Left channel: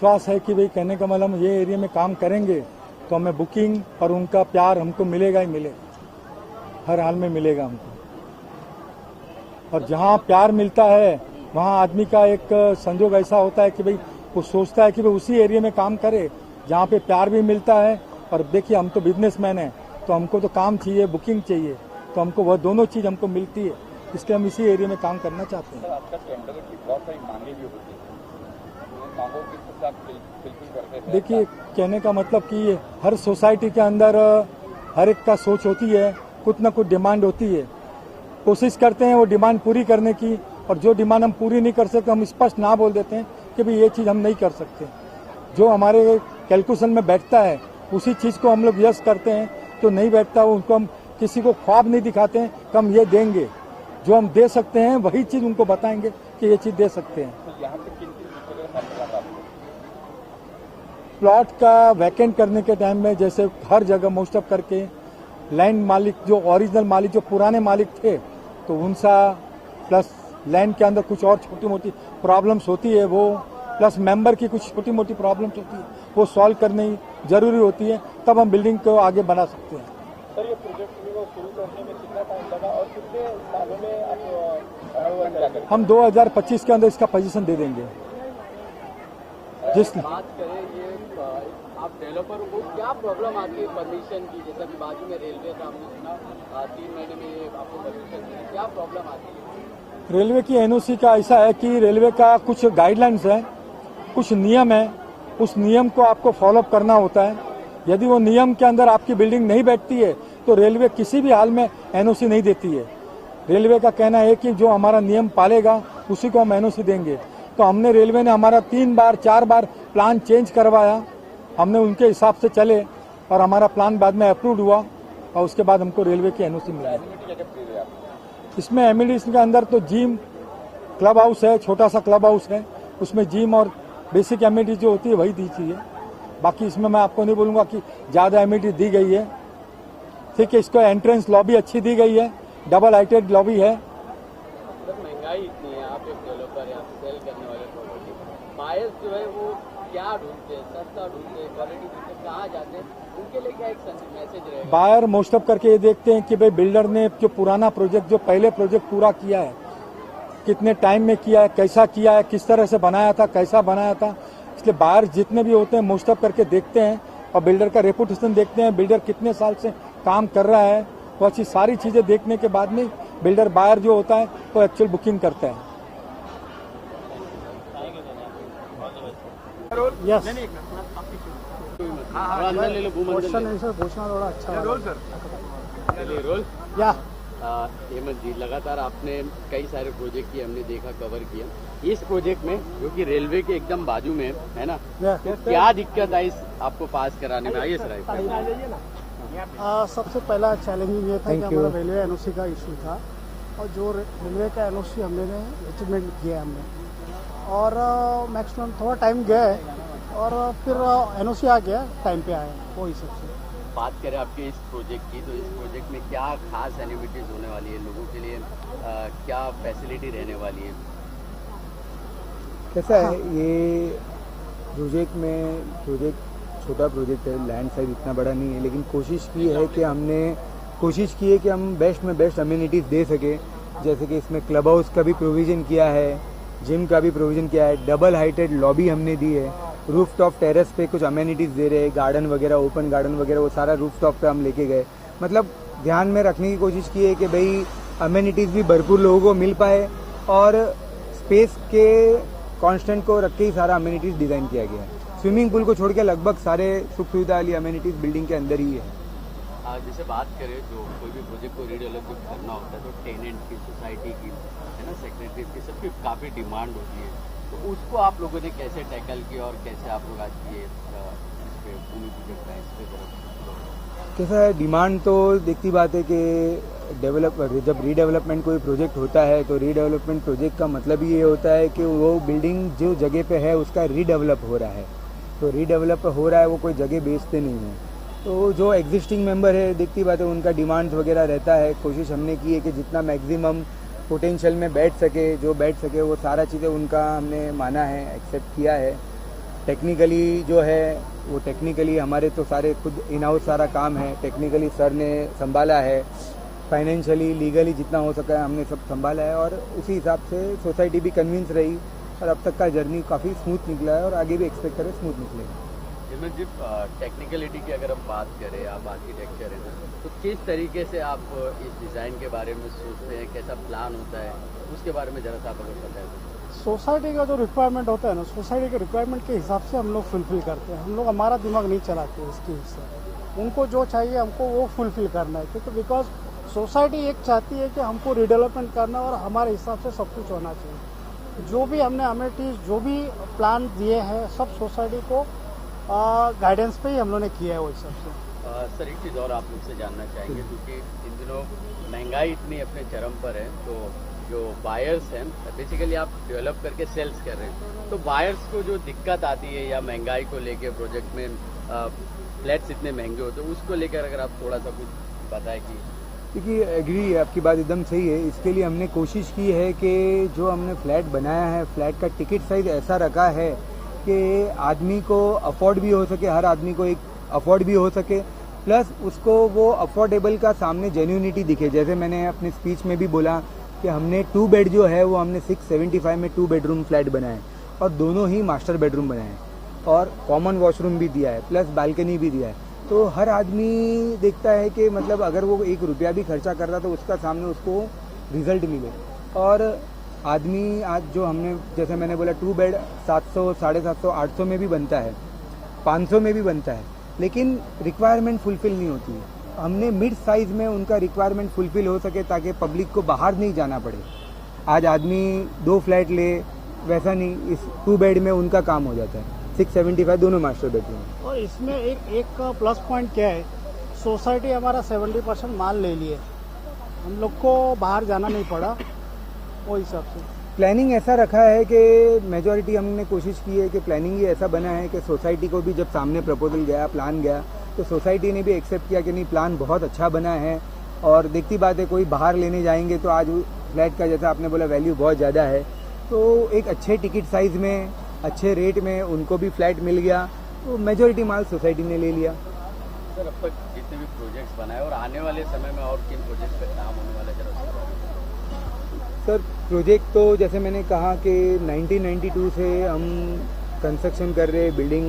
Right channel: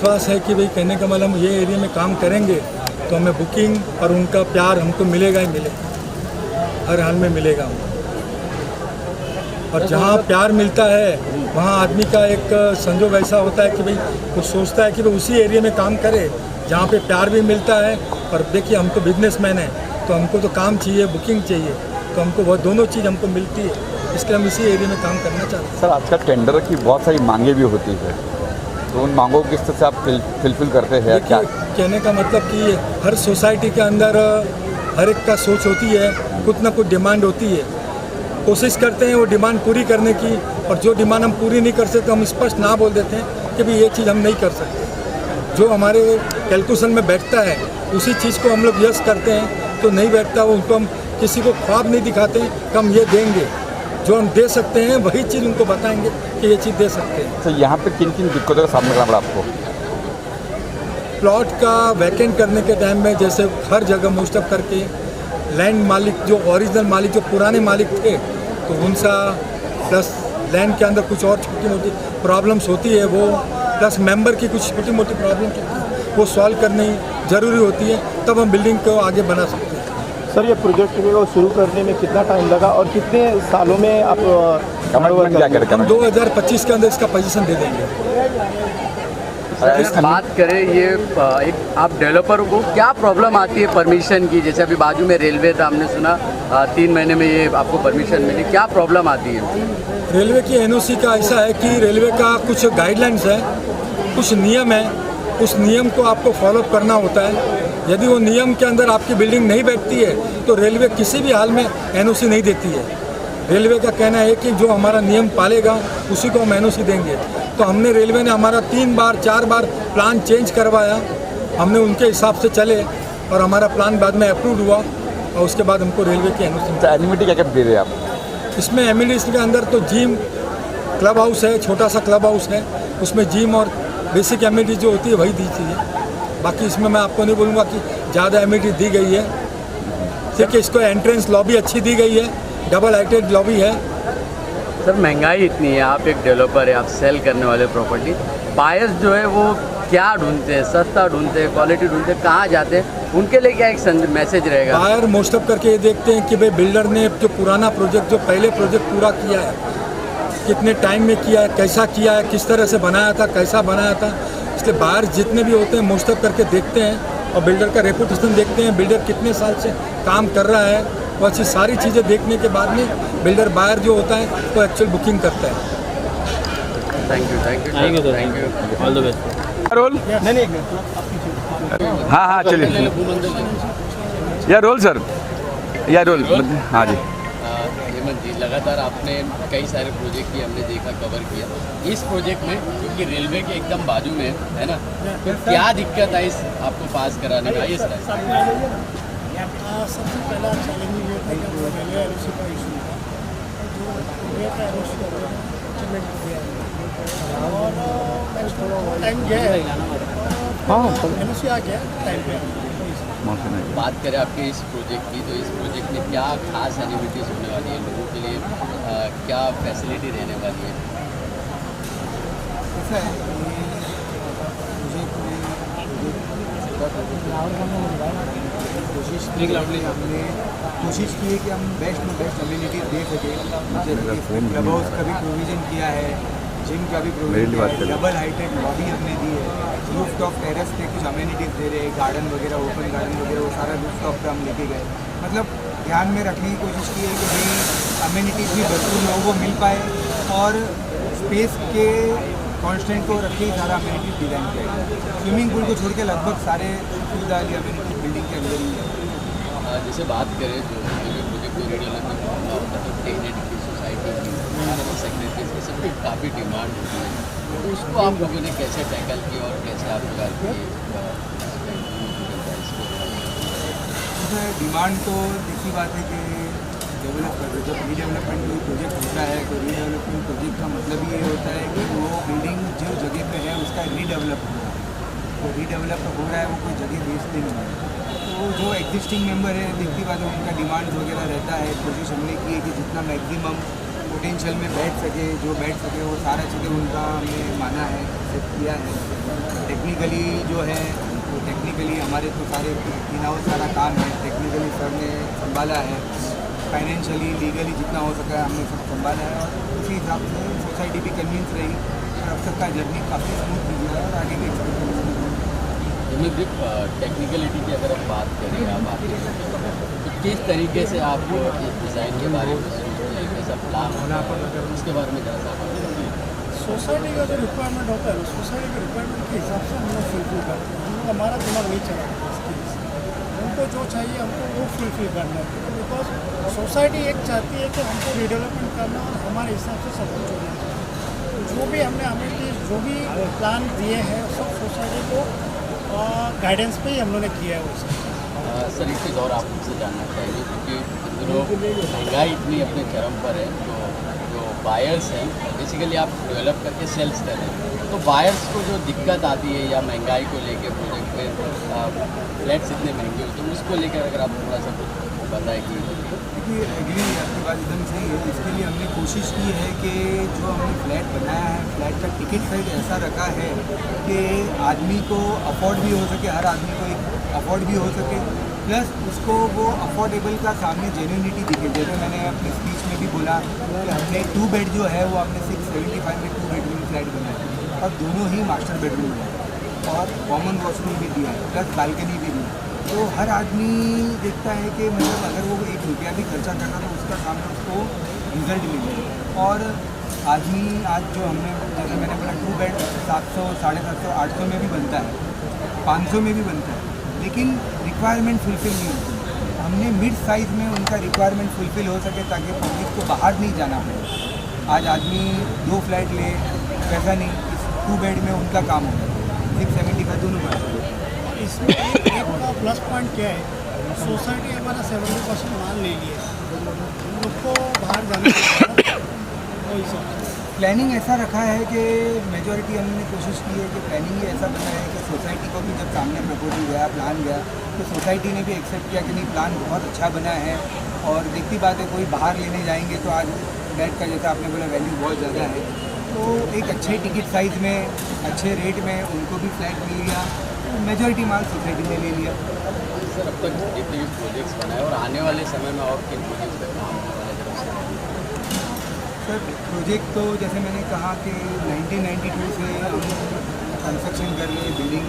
विश्वास है कि भाई कहने का मतलब ये एरिया में काम करेंगे तो हमें बुकिंग और उनका प्यार हमको मिलेगा ही मिलेगा, हर हाल में मिलेगा हमको। और जहाँ प्यार मिलता है वहाँ आदमी का एक संजोग ऐसा होता है कि भाई वो सोचता है कि भाई उसी एरिया में काम करे जहाँ पे प्यार भी मिलता है। और देखिए हम तो बिजनेसमैन हैं तो हमको तो काम चाहिए, बुकिंग चाहिए, तो हमको वो दोनों चीज़ हमको मिलती है, इसलिए हम इसी एरिया में काम करना चाहते हैं। सर आजकल टेंडर की बहुत सारी मांगे भी होती है, तो उन मांगों को किस तरह से आप फिलफिल करते हैं? देखिए कहने का मतलब कि हर सोसाइटी के अंदर हर एक का सोच होती है, कुछ ना कुछ डिमांड होती है, कोशिश करते हैं वो डिमांड पूरी करने की। और जो डिमांड हम पूरी नहीं कर सकते हम स्पष्ट ना बोल देते हैं कि भाई ये चीज़ हम नहीं कर सकते। जो हमारे कैलकुलेशन में बैठता है उसी चीज़ को हम लोग यस करते हैं, तो नहीं बैठता वो उनको हम किसी को ख्वाब नहीं दिखाते हैं कि हम ये देंगे। जो हम दे सकते हैं वही चीज़ उनको बताएंगे कि ये चीज़ दे सकते हैं। सर यहाँ पे किन किन दिक्कतों का सामना करना पड़ा आपको? प्लॉट का वैकेंट करने के टाइम में जैसे हर जगह मोस्ट ऑफ करके लैंड मालिक जो ओरिजिनल मालिक जो पुराने मालिक थे तो उनसा प्लस लैंड के अंदर कुछ और छोटी मोटी प्रॉब्लम्स होती है, वो प्लस मेंबर की कुछ छोटी मोटी प्रॉब्लम्स होती है, वो सॉल्व करनी ज़रूरी होती है, तब हम बिल्डिंग को आगे बना सकते हैं। सर ये प्रोजेक्ट को शुरू करने में कितना टाइम लगा और कितने सालों में आप कमिटमेंट क्या करें? हम 2025 के अंदर इसका पोजीशन दे देंगे। बात करें ये एक आप डेवलपर को क्या प्रॉब्लम आती है परमिशन की? जैसे अभी बाजू में रेलवे था, हमने सुना 3 महीने में ये आपको परमिशन मिली, क्या प्रॉब्लम आती है? रेलवे की एनओसी का ऐसा है कि रेलवे का कुछ गाइडलाइंस है, कुछ नियम है, उस नियम को आपको फॉलोअप करना होता है। यदि वो नियम के अंदर आपकी बिल्डिंग नहीं बैठती है तो रेलवे किसी भी हाल में एनओसी नहीं देती है। रेलवे का कहना है कि जो हमारा नियम पालेगा उसी को हम एनओसी देंगे। तो हमने रेलवे ने हमारा 3 बार 4 बार प्लान चेंज करवाया, हमने उनके हिसाब से चले और हमारा प्लान बाद में अप्रूव हुआ और उसके बाद हमको रेलवे की एनओसी। एमिनिटी क्या क्या दे रहे हैं आप इसमें? एमिनिटीज के अंदर तो जिम, क्लब हाउस है, छोटा सा क्लब हाउस है, उसमें जिम और बेसिक एमिनिटीज जो होती है वही दी चाहिए। बाकी इसमें मैं आपको नहीं बोलूँगा कि ज़्यादा एमिनिटी दी गई है। ठीक है, इसको एंट्रेंस लॉबी अच्छी दी गई है, डबल हाइटेड लॉबी है। सर महंगाई इतनी है, आप एक डेवलपर है, आप सेल करने वाले प्रॉपर्टी, बायर्स जो है वो क्या ढूंढते हैं? सस्ता ढूंढते हैं, क्वालिटी ढूंढते हैं, कहाँ जाते हैं? उनके लिए क्या एक मैसेज रहेगा? बायर मोस्ट ऑफ करके ये देखते हैं कि भाई बिल्डर ने जो पुराना प्रोजेक्ट, जो पहले प्रोजेक्ट पूरा किया है, कितने टाइम में किया है, कैसा किया है, किस तरह से बनाया था, कैसा बनाया था। इसलिए बायर जितने भी होते हैं मोस्ट ऑफ करके देखते हैं और बिल्डर का रेपुटेशन देखते हैं, बिल्डर कितने साल से काम कर रहा है, वो अच्छी सारी चीज़ें देखने के बाद में बिल्डर बायर जो होता है वो एक्चुअल बुकिंग करता है। Thank you all the best. Roll हाँ हाँ चलिए या रोल सर या रोल हाँ जी। हेमंत जी, लगातार आपने कई सारे प्रोजेक्ट की हमने देखा, कवर किया। इस प्रोजेक्ट में जो कि रेलवे के एकदम बाजू में है ना, क्या दिक्कत आई आपको पास कराने में? आइए सर। सबसे पहला चैलेंज ये था कि हम लोग रेलवे एनओसी का इशू था और जो रेलवे का एनओसी हमने में दिया है और मैंने बहुत टाइम गया है और एनओसी आ गया टाइम पे आ गया। बात करें आपके इस प्रोजेक्ट की, तो इस प्रोजेक्ट में क्या खास एनिमिटीज होने वाली है लोगों के लिए, क्या फैसिलिटी रहने वाली है? ऐसा है, ये प्रोजेक्ट में छोटा प्रोजेक्ट है, इतना बड़ा नहीं है, लेकिन कोशिश की है कि हमने कोशिश की है कि हम बेस्ट में बेस्ट अम्यूनिटीज दे सकें। जैसे कि इसमें क्लब हाउस का भी प्रोविज़न किया है, जिम का भी प्रोविज़न किया है, डबल हाइटेड लॉबी हमने दी है, रूफ टॉप टेरेस पे कुछ अम्यूनिटीज़ दे रहे हैं, गार्डन वगैरह, ओपन गार्डन वगैरह, वो सारा रूफ टॉप पे हम लेके गए। मतलब ध्यान में रखने की कोशिश की है कि भाई अम्यूनिटीज़ भी भरपूर लोगों को मिल पाए और स्पेस के कांस्टेंट को रख के ही सारा अम्यूनिटीज़ डिज़ाइन किया गया। स्विमिंग पूल को छोड़ के लगभग सारे सुख सुविधा वाली अम्यूनिटीज़ बिल्डिंग के अंदर ही है। जैसे बात करें जो टेनेंट की सोसाइटी सेक्रेटरी सब में काफ़ी डिमांड होती है, उसको आप लोगों ने कैसे टैकल किया और कैसे आप जैसा डिमांड तो देखी बात है कि डेवलपर जब रीडेवलपमेंट कोई प्रोजेक्ट होता है तो रीडेवलपमेंट प्रोजेक्ट का मतलब ये होता है कि वो बिल्डिंग जो जगह पे है उसका रीडेवलप हो रहा है। तो रीडेवलप हो रहा है, वो कोई जगह बेचते नहीं है। तो जो एग्जिस्टिंग मेंबर है, देखती बात है, उनका डिमांड्स वगैरह रहता है। कोशिश हमने की है कि जितना मैक्सिमम पोटेंशियल में बैठ सके, जो बैठ सके वो सारा चीज़ें उनका हमने माना है, एक्सेप्ट किया है। टेक्निकली जो है वो टेक्निकली हमारे तो सारे खुद इन हाउस सारा काम है, टेक्निकली सर ने संभाला है, फाइनेंशियली लीगली जितना हो सका है हमने सब संभाला है और उसी हिसाब से सोसाइटी भी कन्विंस रही और अब तक का जर्नी काफ़ी स्मूथ निकला है और आगे भी एक्सपेक्ट करें स्मूथ निकले। टेक्निकलिटी की अगर हम बात करें आप आगे तो किस तरीके से आप इस डिज़ाइन के बारे में सोचते हैं, कैसा प्लान होना उसके बारे में जरा सा सोसाइटी का जो रिक्वायरमेंट होता है ना, सोसाइटी के रिक्वायरमेंट के हिसाब से हम लोग फुलफिल करते हैं। हम लोग हमारा दिमाग नहीं चलाते इसके लिए, उनको जो चाहिए हमको वो फुलफिल करना है, क्योंकि बिकॉज सोसाइटी एक चाहती है कि हमको रिडेवलपमेंट करना और हमारे हिसाब से सब कुछ होना चाहिए। जो भी हमने हमें जो भी प्लान दिए हैं सब सोसाइटी को गाइडेंस पे ही हम लोगों ने किया है वैसे। सर एक चीज़ और आपसे जानना चाहिए, क्योंकि लोग महंगाई इतनी अपने चरम पर है, तो जो बायर्स हैं बेसिकली आप डेवलप करके सेल्स कर रहे हैं, तो बायर्स को जो दिक्कत आती है या महंगाई को लेकर प्रोजेक्ट पे फ्लैट्स इतने महंगे होते हैं उसको लेकर अगर आप थोड़ा सा कुछ बताएं कि देखिए एग्री है, आपकी बात एकदम सही है। इसके लिए हमने कोशिश की है कि जो हमने फ्लैट बनाया है फ्लैट का टिकट साइज ऐसा रखा है कि आदमी को अफोर्ड भी हो सके, हर आदमी को एक अफोर्ड भी हो सके, प्लस उसको वो अफोर्डेबल का सामने जेन्युइनिटी दिखे। जैसे मैंने अपनी स्पीच में भी बोला कि हमने 2 बेड जो है वो हमने 675 में 2 बेडरूम फ्लैट बनाया और दोनों ही मास्टर बेडरूम बनाए और कॉमन वॉशरूम भी दिया है प्लस बालकनी भी दिया है। तो हर आदमी देखता है कि मतलब अगर वो 1 रुपया भी खर्चा कर रहा तो उसका सामने उसको रिजल्ट मिले। और आदमी आज जो हमने जैसे मैंने बोला 2 बेड 700, 750, 800 में भी बनता है, 500 में भी बनता है, लेकिन रिक्वायरमेंट फुलफ़िल नहीं होती। हमने मिड साइज़ में उनका रिक्वायरमेंट फुलफ़िल हो सके ताकि पब्लिक को बाहर नहीं जाना पड़े। आज आदमी 2 फ्लैट ले वैसा नहीं, इस 2 बेड में उनका काम हो जाता है। 675 दोनों मास्टर बेड। और इसमें एक प्लस पॉइंट क्या है, सोसाइटी हमारा 70% माल ले लिए, हम लोग को बाहर जाना नहीं पड़ा। वही सब प्लानिंग ऐसा रखा है कि मेजॉरिटी हमने कोशिश की है कि प्लानिंग ही ऐसा बना है कि सोसाइटी को भी जब सामने प्रपोजल गया, प्लान गया, तो सोसाइटी ने भी एक्सेप्ट किया कि नहीं प्लान बहुत अच्छा बना है। और देखती बात है कोई बाहर लेने जाएंगे तो आज फ्लैट का जैसा आपने बोला वैल्यू बहुत ज़्यादा है, तो एक अच्छे टिकट साइज़ में अच्छे रेट में उनको भी फ्लैट मिल गया, तो मेजॉरिटी माल सोसाइटी ने ले लिया। सर अब तक जितने भी प्रोजेक्ट्स बनाए और आने वाले समय में और किन प्रोजेक्ट्स पर काम होने वाले तरफ से? सर प्रोजेक्ट तो जैसे मैंने कहा कि 1992 से हम कंस्ट्रक्शन कर रहे, बिल्डिंग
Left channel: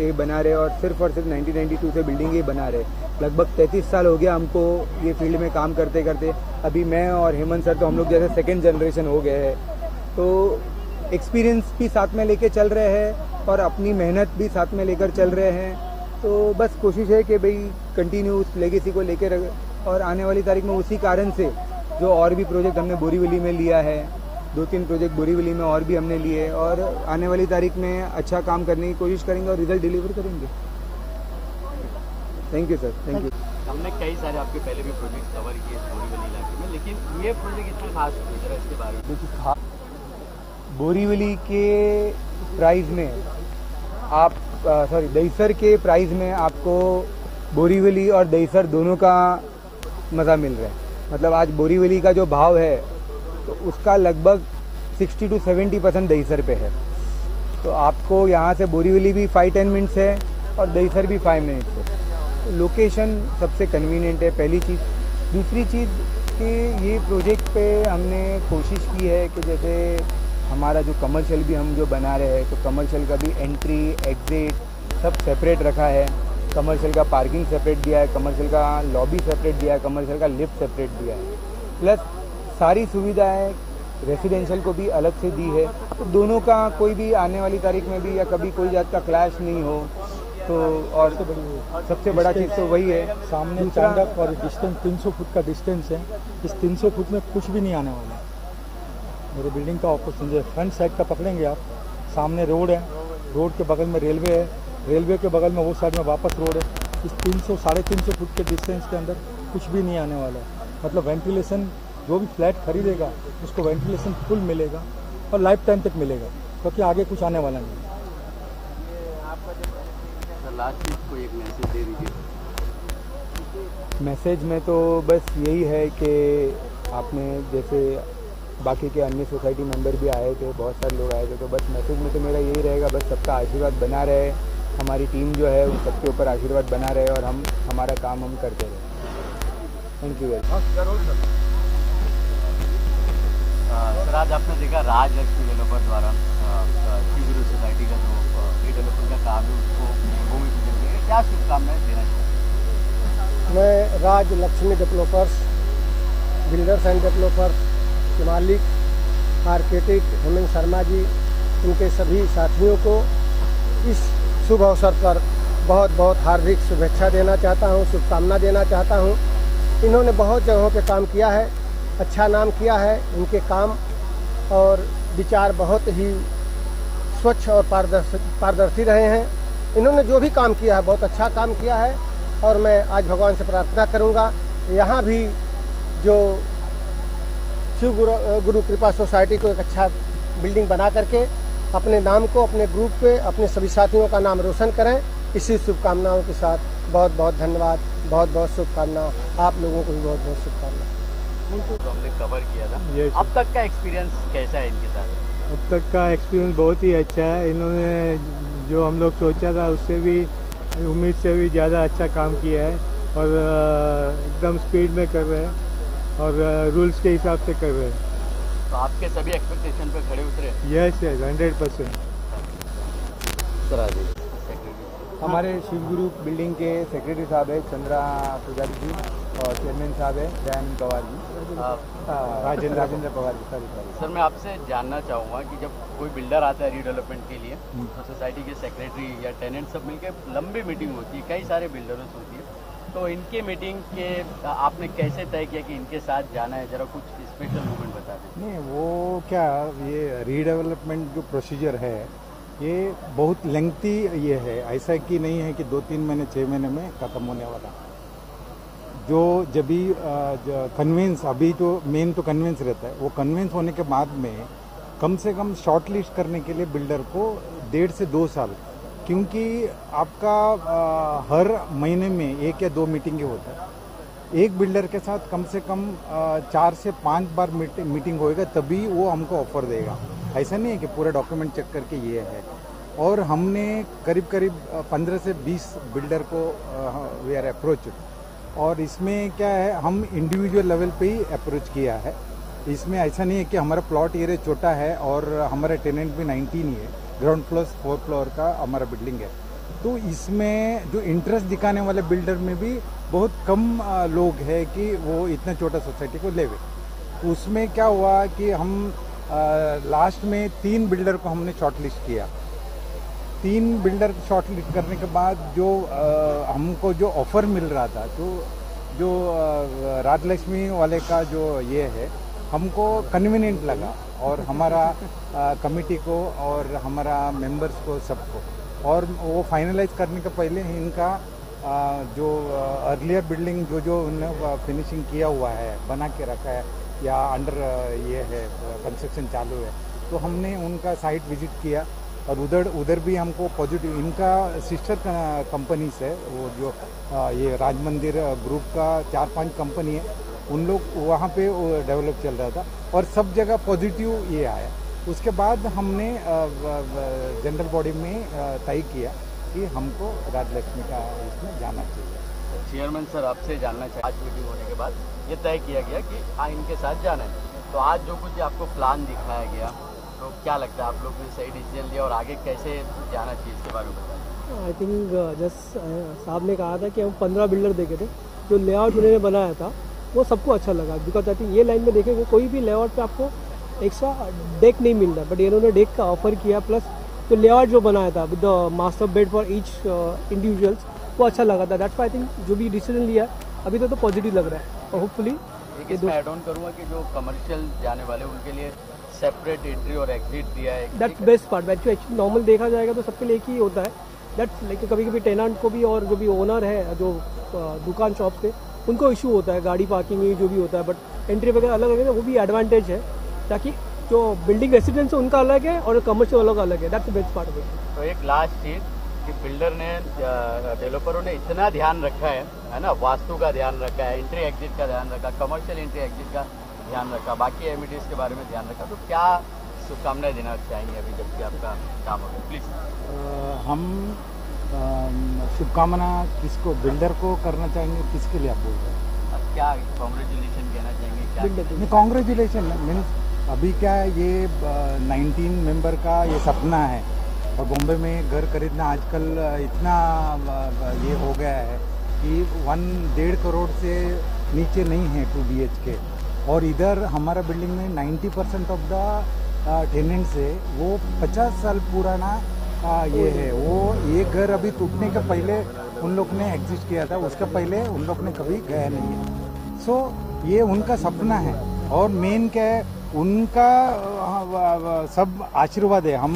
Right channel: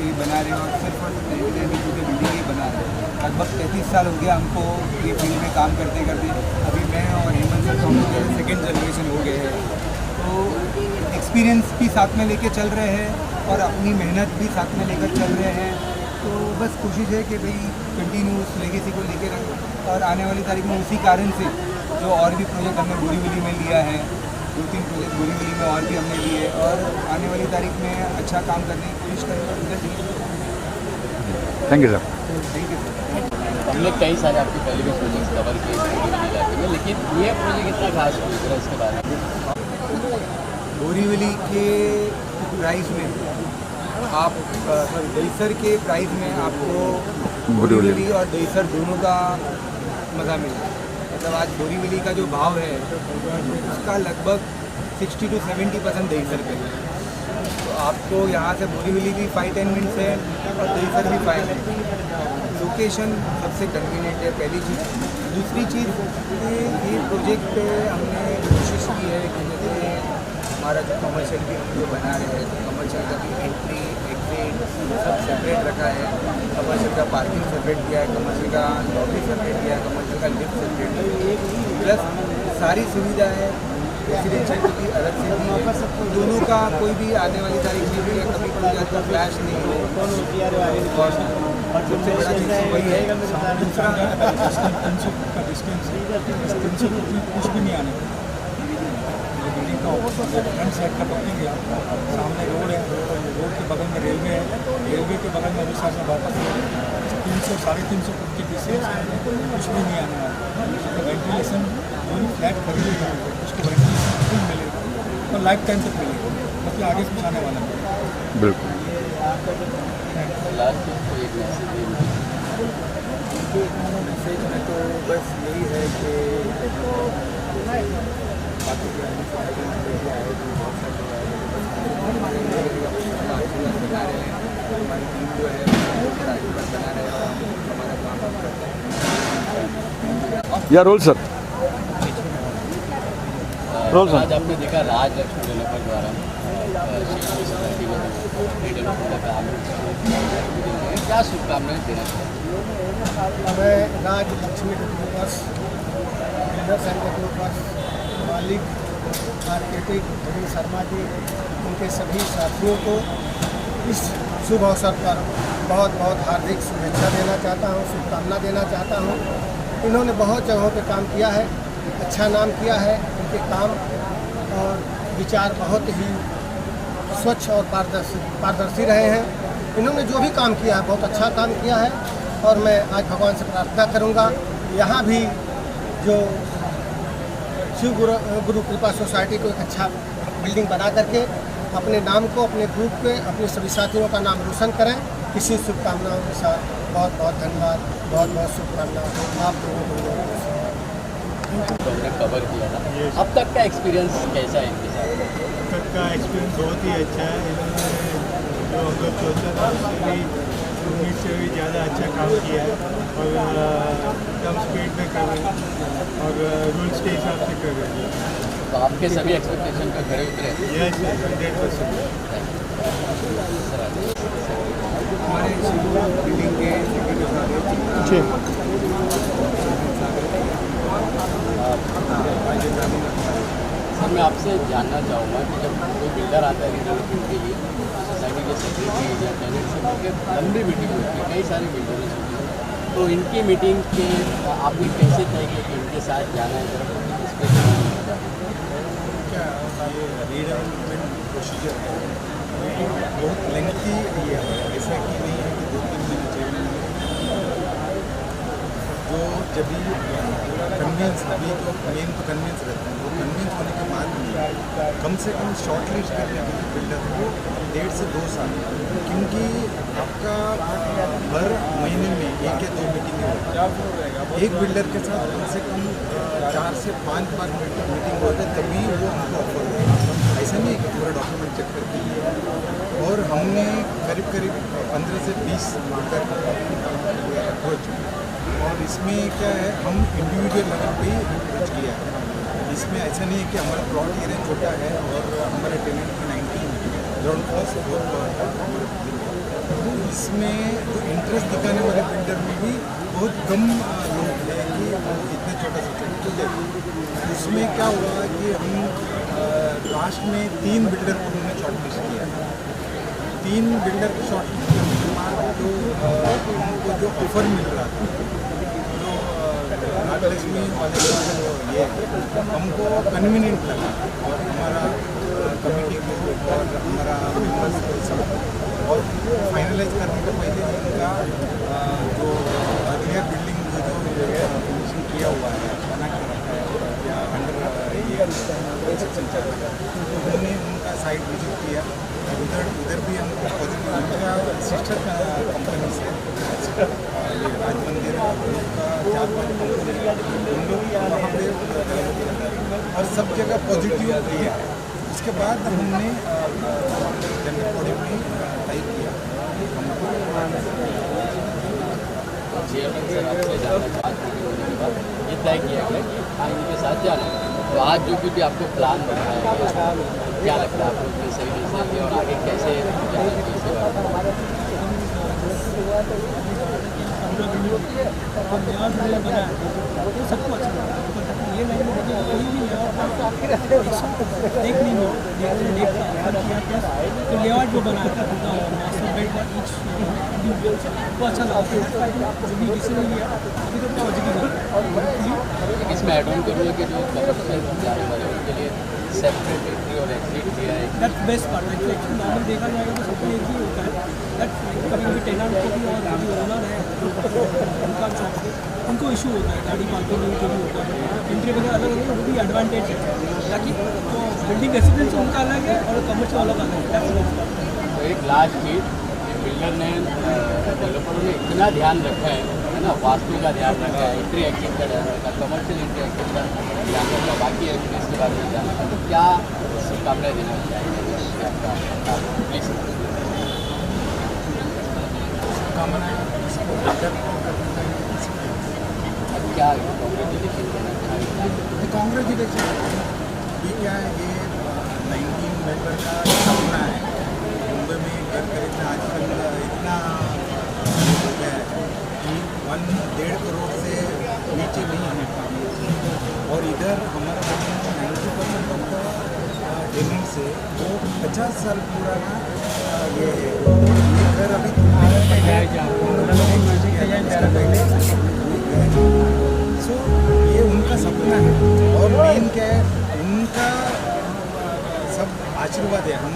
ये बना रहे और सिर्फ 1992 से बिल्डिंग ये बना रहे। लगभग 33 साल हो गया हमको ये फील्ड में काम करते करते। अभी मैं और हेमंत सर तो हम लोग जैसे 2nd जनरेशन हो गए हैं, तो एक्सपीरियंस भी साथ में लेके चल रहे हैं और अपनी मेहनत भी साथ में लेकर चल रहे हैं। तो बस कोशिश है कि भाई कंटिन्यू उस लेगेसी को लेके रहे और आने वाली तारीख में उसी कारण से जो और भी प्रोजेक्ट हमने बोरीवली में लिया है, 2-3 प्रोजेक्ट बोरीवली में और भी हमने लिए और आने वाली तारीख में अच्छा काम करने की कोशिश करेंगे और रिजल्ट डिलीवर करेंगे। Thank you sir. Thank you sir. हमने कई सारे आपके पहले भी प्रोजेक्ट्स कवर किए बोरीवली इलाके में, लेकिन ये प्रोजेक्ट इतना खास हुई है इसके बारे में? बोरीवली के प्राइस में आप सॉरी दहीसर के प्राइस में आपको बोरीवली और दहीसर दोनों का मज़ा मिलेगा। मतलब आज बोरीवली का जो भाव है तो उसका लगभग 60 to 70% दहीसर पे है। तो आपको यहाँ से बोरीवली भी 5-10 मिनट्स है और दहीसर भी 5 मिनट। लोकेशन सबसे कन्वीनियंट है पहली चीज़। दूसरी चीज़ ये प्रोजेक्ट हमने कोशिश की है कि जैसे हमारा जो कमर्शियल भी हम जो बना रहे हैं तो कमर्शियल का भी एंट्री एग्जिट सब सेपरेट रखा है। कमर्शियल का पार्किंग सेपरेट दिया है, कमर्शियल का लॉबी सेपरेट दिया है, कमर्शियल का लिफ्ट सेपरेट दिया है, प्लस सारी सुविधाएं रेसिडेंशियल को भी अलग से दी है। तो दोनों का कोई भी आने वाली तारीख में भी या कभी कोई जात का फ्लैश नहीं हो। तो और सबसे बड़ा चीज़ तो वही है। दूसरा डिस्टेंस 300 फुट का डिस्टेंस है, इस 300 फुट में कुछ भी नहीं आना। मेरे बिल्डिंग का फ्रंट साइड का पकड़ेंगे आप, सामने रोड है, रोड के बगल में रेलवे है, रेलवे के बगल में वो साइड में वापस रोड है। इस 300-350 फुट के डिस्टेंस के अंदर कुछ भी नहीं आने वाला। मतलब वेंटिलेशन जो भी फ्लैट खरीदेगा उसको वेंटिलेशन फुल मिलेगा और लाइफ टाइम तक मिलेगा, मतलब आगे कुछ आने वाला नहीं। बिल्कुल। मैसेज में तो बस यही है कि आपने जैसे बाकी के अन्य सोसाइटी मेंबर भी आए तो बहुत सारे लोग आए थे। तो बस मैसेज में तो मेरा यही रहेगा, बस सबका आशीर्वाद बना रहे, हमारी टीम जो है सबके ऊपर आशीर्वाद बना रहे और हम हमारा काम हम करते हैं। Thank you. या रोल सर। आज आपने देखा राज लक्ष्मी डेवलपर द्वारा शिवपुरी सोसाइटी में रीडेवलपमेंट का काम, क्या शुभकामनाएं देना चाहिए? मैं Raj Lakshmi developers, builders and developers मालिक आर्किटेक्ट हेमंत शर्मा जी, उनके सभी साथियों को इस शुभ अवसर पर बहुत बहुत हार्दिक शुभेच्छा देना चाहता हूँ, शुभकामना देना चाहता हूँ। इन्होंने बहुत जगहों पे काम किया है, अच्छा नाम किया है। उनके काम और विचार बहुत ही स्वच्छ और पारदर्शी रहे हैं। इन्होंने जो भी काम किया है बहुत अच्छा काम किया है और मैं आज भगवान से प्रार्थना करूंगा यहाँ भी जो शिव गुरु कृपा सोसाइटी को एक अच्छा बिल्डिंग बना करके अपने नाम को, अपने ग्रुप पे, अपने सभी साथियों का नाम रोशन करें। इसी शुभकामनाओं के साथ बहुत बहुत धन्यवाद, बहुत बहुत शुभकामनाएं आप लोगों को बहुत बहुत शुभकामनाएं। तो हमने कवर किया था, अब तक का एक्सपीरियंस कैसा है इनके साथ? तक का एक्सपीरियंस बहुत ही अच्छा है। इन्होंने जो हम लोग सोचा था उससे भी, उम्मीद से भी ज़्यादा अच्छा काम किया है और एकदम स्पीड में कर रहे हैं और रूल्स के हिसाब से कर रहे हैं। तो आपके सभी एक्सपेक्टेशन पे खड़े उतरे? यस 100%। हमारे शिवपुरी बिल्डिंग के सेक्रेटरी साहब है चिंता और चेयरमैन साहब है राजेंद्र पवार। सर मैं आपसे जानना चाहूँगा कि जब कोई बिल्डर आता है रीडेवलपमेंट के लिए, सोसाइटी के सेक्रेटरी या टेनेंट से मिलकर लंबी मीटिंग होती है, कई सारे बिल्डर्स होते हैं, तो इनकी मीटिंग के आपने कैसे तय किया कि इनके साथ जाना है? जरा वो क्या, ये रीडेवलपमेंट जो प्रोसीजर है ये बहुत लेंथी ये है, ऐसा कि नहीं है कि 2-3 महीने 6 महीने में खत्म हो जाए। जो जब भी कन्वेंस, अभी जो मेन तो कन्वेंस रहता है, वो कन्वेंस होने के बाद में कम से कम शॉर्ट लिस्ट करने के लिए बिल्डर को 1.5 से 2 साल, क्योंकि आपका हर महीने में 1 या 2 मीटिंगें होती है। एक बिल्डर के साथ कम से कम 4 से 5 बार मीटिंग होएगा, तभी वो हमको ऑफर देगा। ऐसा नहीं है कि पूरा डॉक्यूमेंट चेक करके लिए है। और हमने करीब 15 से 20 बिल्डर को अप्रोच, और इसमें क्या है, हम इंडिविजुअल लेवल पे ही अप्रोच किया है। इसमें ऐसा नहीं है कि हमारा प्लॉट एरिया छोटा है और हमारे टेनेंट की 19 ग्राउंड फ्लोर से 4th फ्लोर का हमारा बिल्डिंग है, तो इसमें जो इंटरेस्ट दिखाने वाले बिल्डर में भी बहुत कम लोग हैं कि वो इतना छोटा सोसाइटी तो ले। उसमें क्या हुआ कि हम लास्ट में 3 बिल्डर को हमने शॉर्ट लिस्ट किया। 3 बिल्डर को शॉर्ट लिस्ट करने के बाद जो हमको जो ऑफर मिल रहा था, जो राजलक्ष्मी वाले का जो ये है, हमको कन्वीनियंट लगा और हमारा कमेटी को और हमारा मेंबर्स को सब, और वो फाइनलाइज करने के पहले इनका जो अर्लियर बिल्डिंग जो फिनिशिंग किया हुआ है, बना के रखा है या अंडर ये कंस्ट्रक्शन चालू है, तो हमने उनका साइट विजिट किया और उधर भी हमको पॉजिटिव, उनका सिस्टर कंपनीज है, ये राज मंदिर ग्रुप का 4-5 कंपनी, उन लोग वहाँ पे डेवलप कर रहे हैं और सब जगह पॉजिटिव किया है। उसके बाद हमने जनरल बॉडी में तय किया हमको चेयरमैन सर आपसे जानना, आज मीटिंग होने के बाद ये तय किया गया कि हाँ इनके साथ जाना है, तो आज जो कुछ भी आपको प्लान दिखाया गया, क्या लगता है आप लोग ने सही डिसीजन लिया और आगे कैसे इसके बारे में? हमने कहा था कि 15 बिल्डर देखेंगे, तो लेआउट जो बनाया था वो सबको अच्छा लगा, बिकॉज जब ये लाइन में देखेंगे कोई भी लेआउट का आपको देख नहीं मिल रहा, बट इन्होंने डेक का ऑफर किया, प्लस तो लेआउट जो बनाया था तो master bed for each individual वो अच्छा लगा था। दैट्स व्हाई जो भी डिसीजन लिया अभी तो पॉजिटिव लग रहा है। इसमें एड ऑन करूँगा कि जो कवर से जाने वाले उनके लिए सेपरेट एंट्री और एग्जिट दिया है। दैट्स बेस्ट पार्ट है, जो एक्चुअली नॉर्मल देखा जाएगा तो सबके लिए एक ही होता है, दैट कभी कभी टेनेंट को भी और जो भी ओनर है जो उनका शॉप से उनको इशू होता है, गाड़ी पार्किंग में जो भी होता है, बट एंट्री वगैरह अलग अलग है, वो भी एडवांटेज है, ताकि जो बिल्डिंग रेसिडेंस उनका अलग है और कमर्शियल अलग अलग है। That's best part. तो एक लास्ट चीज़, बिल्डर ने डेवलपरों ने इतना ध्यान रखा है ना, वास्तु का ध्यान रखा है, इंट्री एक्टिव का ध्यान रखा, कमर्शियल इंट्री एक्टिव का ध्यान रखा, बाकी एमिनिटीज के बारे में ध्यान रखा, तो क्या शुभकामनाएं देना चाहेंगे कि आपका काम प्लीज? हम शुभकामनाएं इसको बिल्डर को करना चाहिए, इसके लिए क्या कॉन्ग्रेचुलेशन देना चाहिए? कांग्रेचुलेशन है। अभी क्या है, ये 19 मेंबर का ये सपना है। बॉम्बे में घर खरीदना आजकल इतना ये हो गया है कि 1.5 करोड़ से नीचे नहीं है PDH। और इधर हमारे बिल्डिंग में 90% ऑफ का टेनेंट्स है, वो 50 साल पुराना ये है। वो ये घर अभी तुमने का पहले उन लोगों ने एक्सेस किया था, उसका पहले उन लोगों ने कभी गया नहीं। सो ये उनका सपना है। और मेन क्या है, उनका सब आशीर्वाद है। हम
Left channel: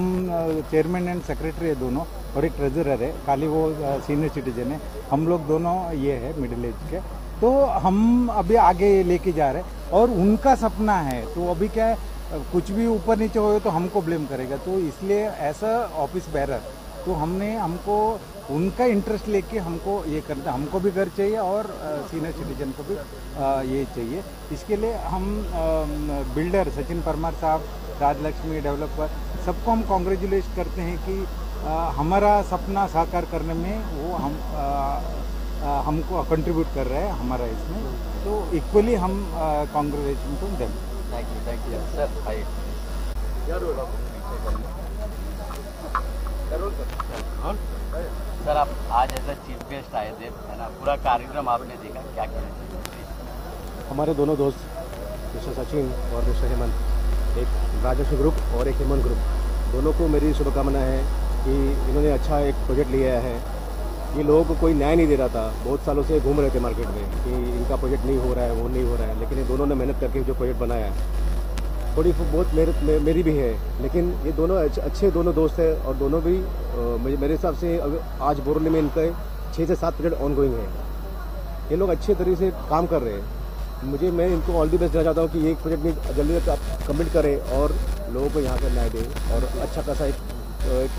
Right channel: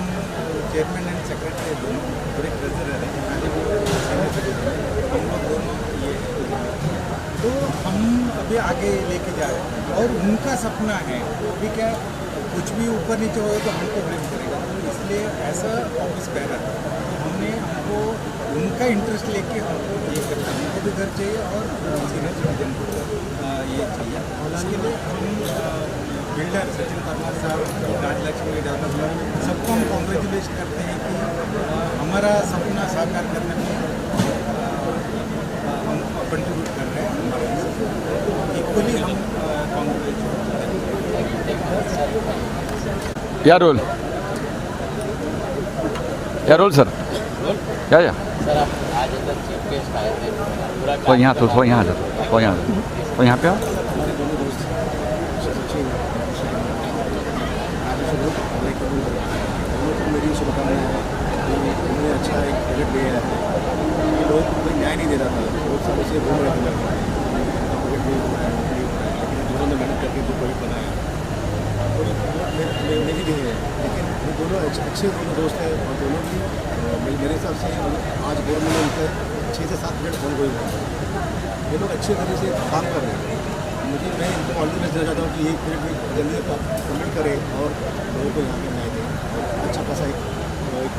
चेयरमैन एंड सेक्रेटरी है दोनों, और एक ट्रेजरर है, खाली वो सीनियर सिटीजन है। हम लोग दोनों ये है मिडिल एज के। तो हम अभी आगे लेके जा रहे हैं, और उनका सपना है। तो अभी क्या कुछ भी ऊपर नीचे होगा तो हमको ब्लेम करेगा, तो इसलिए ऐसा ऑफिस बैरर। तो हमको उनका इंटरेस्ट लेके हमको ये करना, हमको भी घर चाहिए और सीनियर सिटीजन को ये चाहिए। इसके लिए हम बिल्डर सचिन परमार साहब, राजलक्ष्मी डेवलपर, सबको हम कॉन्ग्रेचुलेट करते हैं कि हमारा सपना साकार करने में हमको कंट्रीब्यूट कर रहे हैं। हमारा इक्वली हम कॉन्ग्रेचुलेट या रोल सर, या सर आप आज अंदर चीफ गेस्ट आए थे, पूरा तो यहाँ तो यहाँ पे आओ। हमारे दोनों दोस्त सचिन राजेश ग्रुप और एक कमल ग्रुप, दोनों को मेरी शुभकामनाएं हैं कि इन्होंने अच्छा एक प्रोजेक्ट लिया है। इन लोगों को कोई न्याय नहीं दे रहा था, बहुत सालों से घूम रहे थे मार्केट में, इनका प्रोजेक्ट नहीं हो रहा है, वो नहीं हो रहा है, लेकिन दोनों ने मेहनत करके जो प्रोजेक्ट बनाया है। और ये दोस्त मेरी भी है, लेकिन ये दोनों अच्छे दोनों दोस्त हैं, और दोनों भी मेरे हिसाब से आज गवर्नमेंट में उनके 6 से 7 प्रोजेक्ट ऑन गोइंग है। ये लोग अच्छे तरीके से काम कर रहे हैं। मैं इनको ऑल दी बेस्ट देना चाहता हूँ कि एक प्रोजेक्ट भी जल्दी कमिट करें और लोगों को यहाँ पे न्याय दें, और अच्छा खासा एक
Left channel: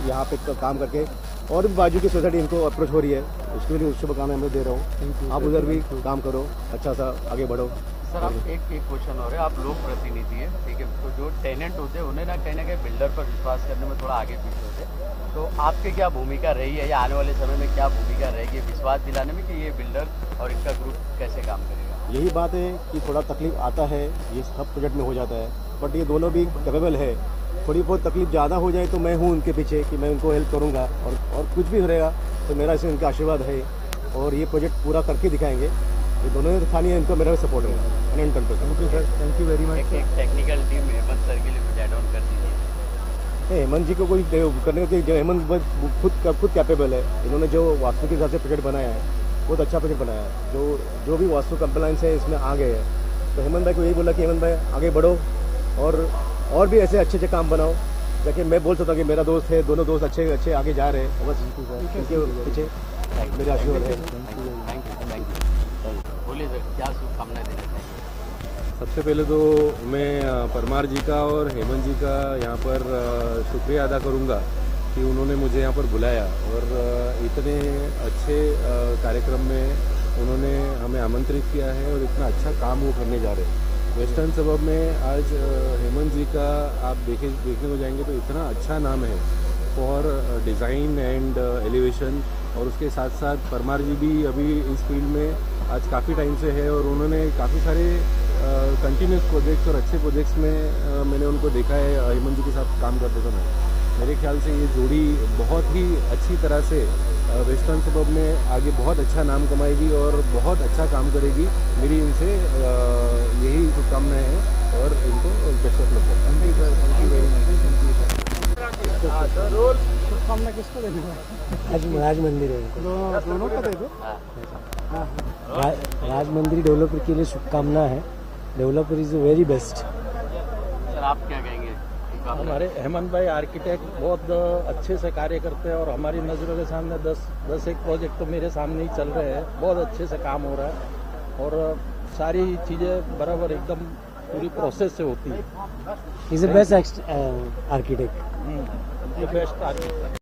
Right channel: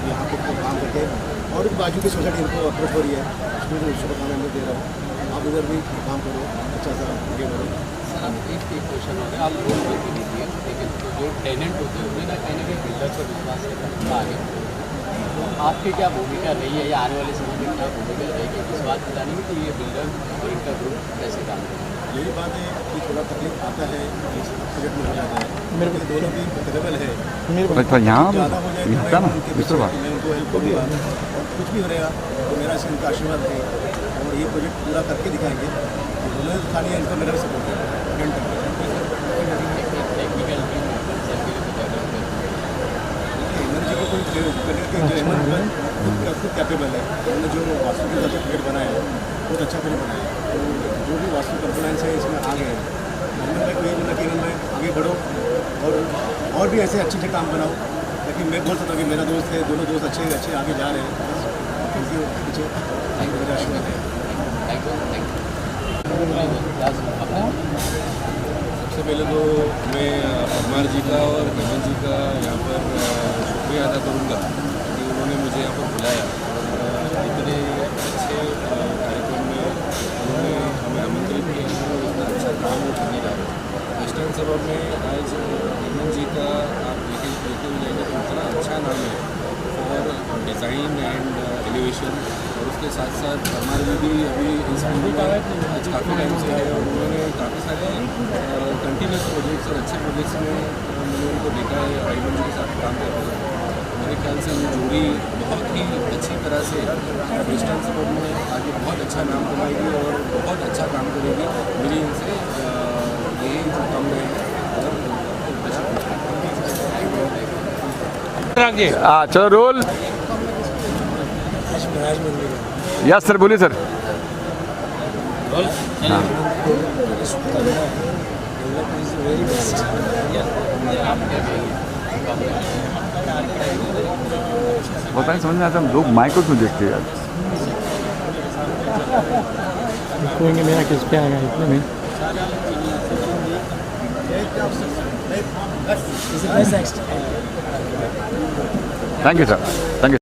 यहाँ पे काम करके। और बाजू की सोसाइटी इनको अप्रोच हो रही है, उसमें भी शुभकामनाएं मैं दे रहा हूँ। आप इधर भी काम करो, अच्छा सा आगे बढ़ो। सर आप एक क्वेश्चन हो गया, आप लोग प्रतिनिधि हैं, ठीक है, तो जो टेनेंट होते हैं उन्हें ना कहीं बिल्डर पर विश्वास करने में थोड़ा आगे, तो आपकी क्या भूमिका रही है या आने वाले समय में क्या भूमिका रहेगी विश्वास दिलाने में कि ये बिल्डर और इनका ग्रुप कैसे काम करेगा? यही बात है कि थोड़ा तकलीफ आता है, इस प्रोजेक्ट में हो जाता है, बट ये दोनों भी कैपेबल है। ज़्यादा हो जाए तो मैं हूँ उनके पीछे, मैं उनको हेल्प करूँगा, और कुछ भी हो रहेगा तो मेरा से उनका आशीर्वाद है, और ये प्रोजेक्ट पूरा करके दिखाएंगे। दोनों ने खाली इनको मेरा भी सपोर्ट है। टेक्निकल हेमंत जी को कोई करने के, हेमंत खुद कैपेबल है। उन्होंने जो वास्तु के हिसाब से टिकट बनाया है, बहुत अच्छा प्रोजेक्ट बनाया है। तो जो भी वास्तु कंप्लायंस है इसमें आ गए, तो हेमंत भाई को यही बोला कि हेमंत भाई आगे बढ़ो, और भी ऐसे अच्छे काम बनाओ, ताकि मैं बोल सकता हूँ कि मेरा दोस्त है, दोनों दोस्त अच्छे आगे जा रहे हैं। बस इनके पीछे मेरा आशीर्वाद है। सबसे पहले तो मैं परमार जी का और हेमंत जी का यहाँ पर शुक्रिया अदा करूँगा कि उन्होंने मुझे यहाँ पर बुलाया, और इतने अच्छे कार्यक्रम में उन्होंने हमें आमंत्रित किया है, और इतना अच्छा काम वो करने जा रहे हैं। वेस्टर्न सबब में आज हेमंत जी का आप देखे हुए जाएंगे तो इतना अच्छा नाम है फॉर डिज़ाइन एंड एलिवेशन, और उसके साथ साथ परमार जी भी अभी इस फील्ड में आज काफ़ी टाइम से है, और उन्होंने काफ़ी सारे कंटिन्यूस प्रोजेक्ट्स और अच्छे प्रोजेक्ट्स में मैंने उनको देखा है हेमंत जी के साथ काम करते हैं। मेरे ख्याल से ये जोड़ी बहुत ही अच्छी तरह से वेस्टर्न सबब में आगे बहुत अच्छा नाम कमाएगी और बहुत अच्छा काम करेगी। मेरी इनसे यही शुभकामनाएं हैं, और चलो रोल। राज मंदिर यस सर, बोलिए सर। राज मंदिर डेवलपर के लिए शुभकामनाएं हैं। Developer is very best. पता नहीं समझ में आता, लोग माइक्रो में देखते हैं। मेरा किस पे आएगा? He's the best architect. Thank you sir, thank you.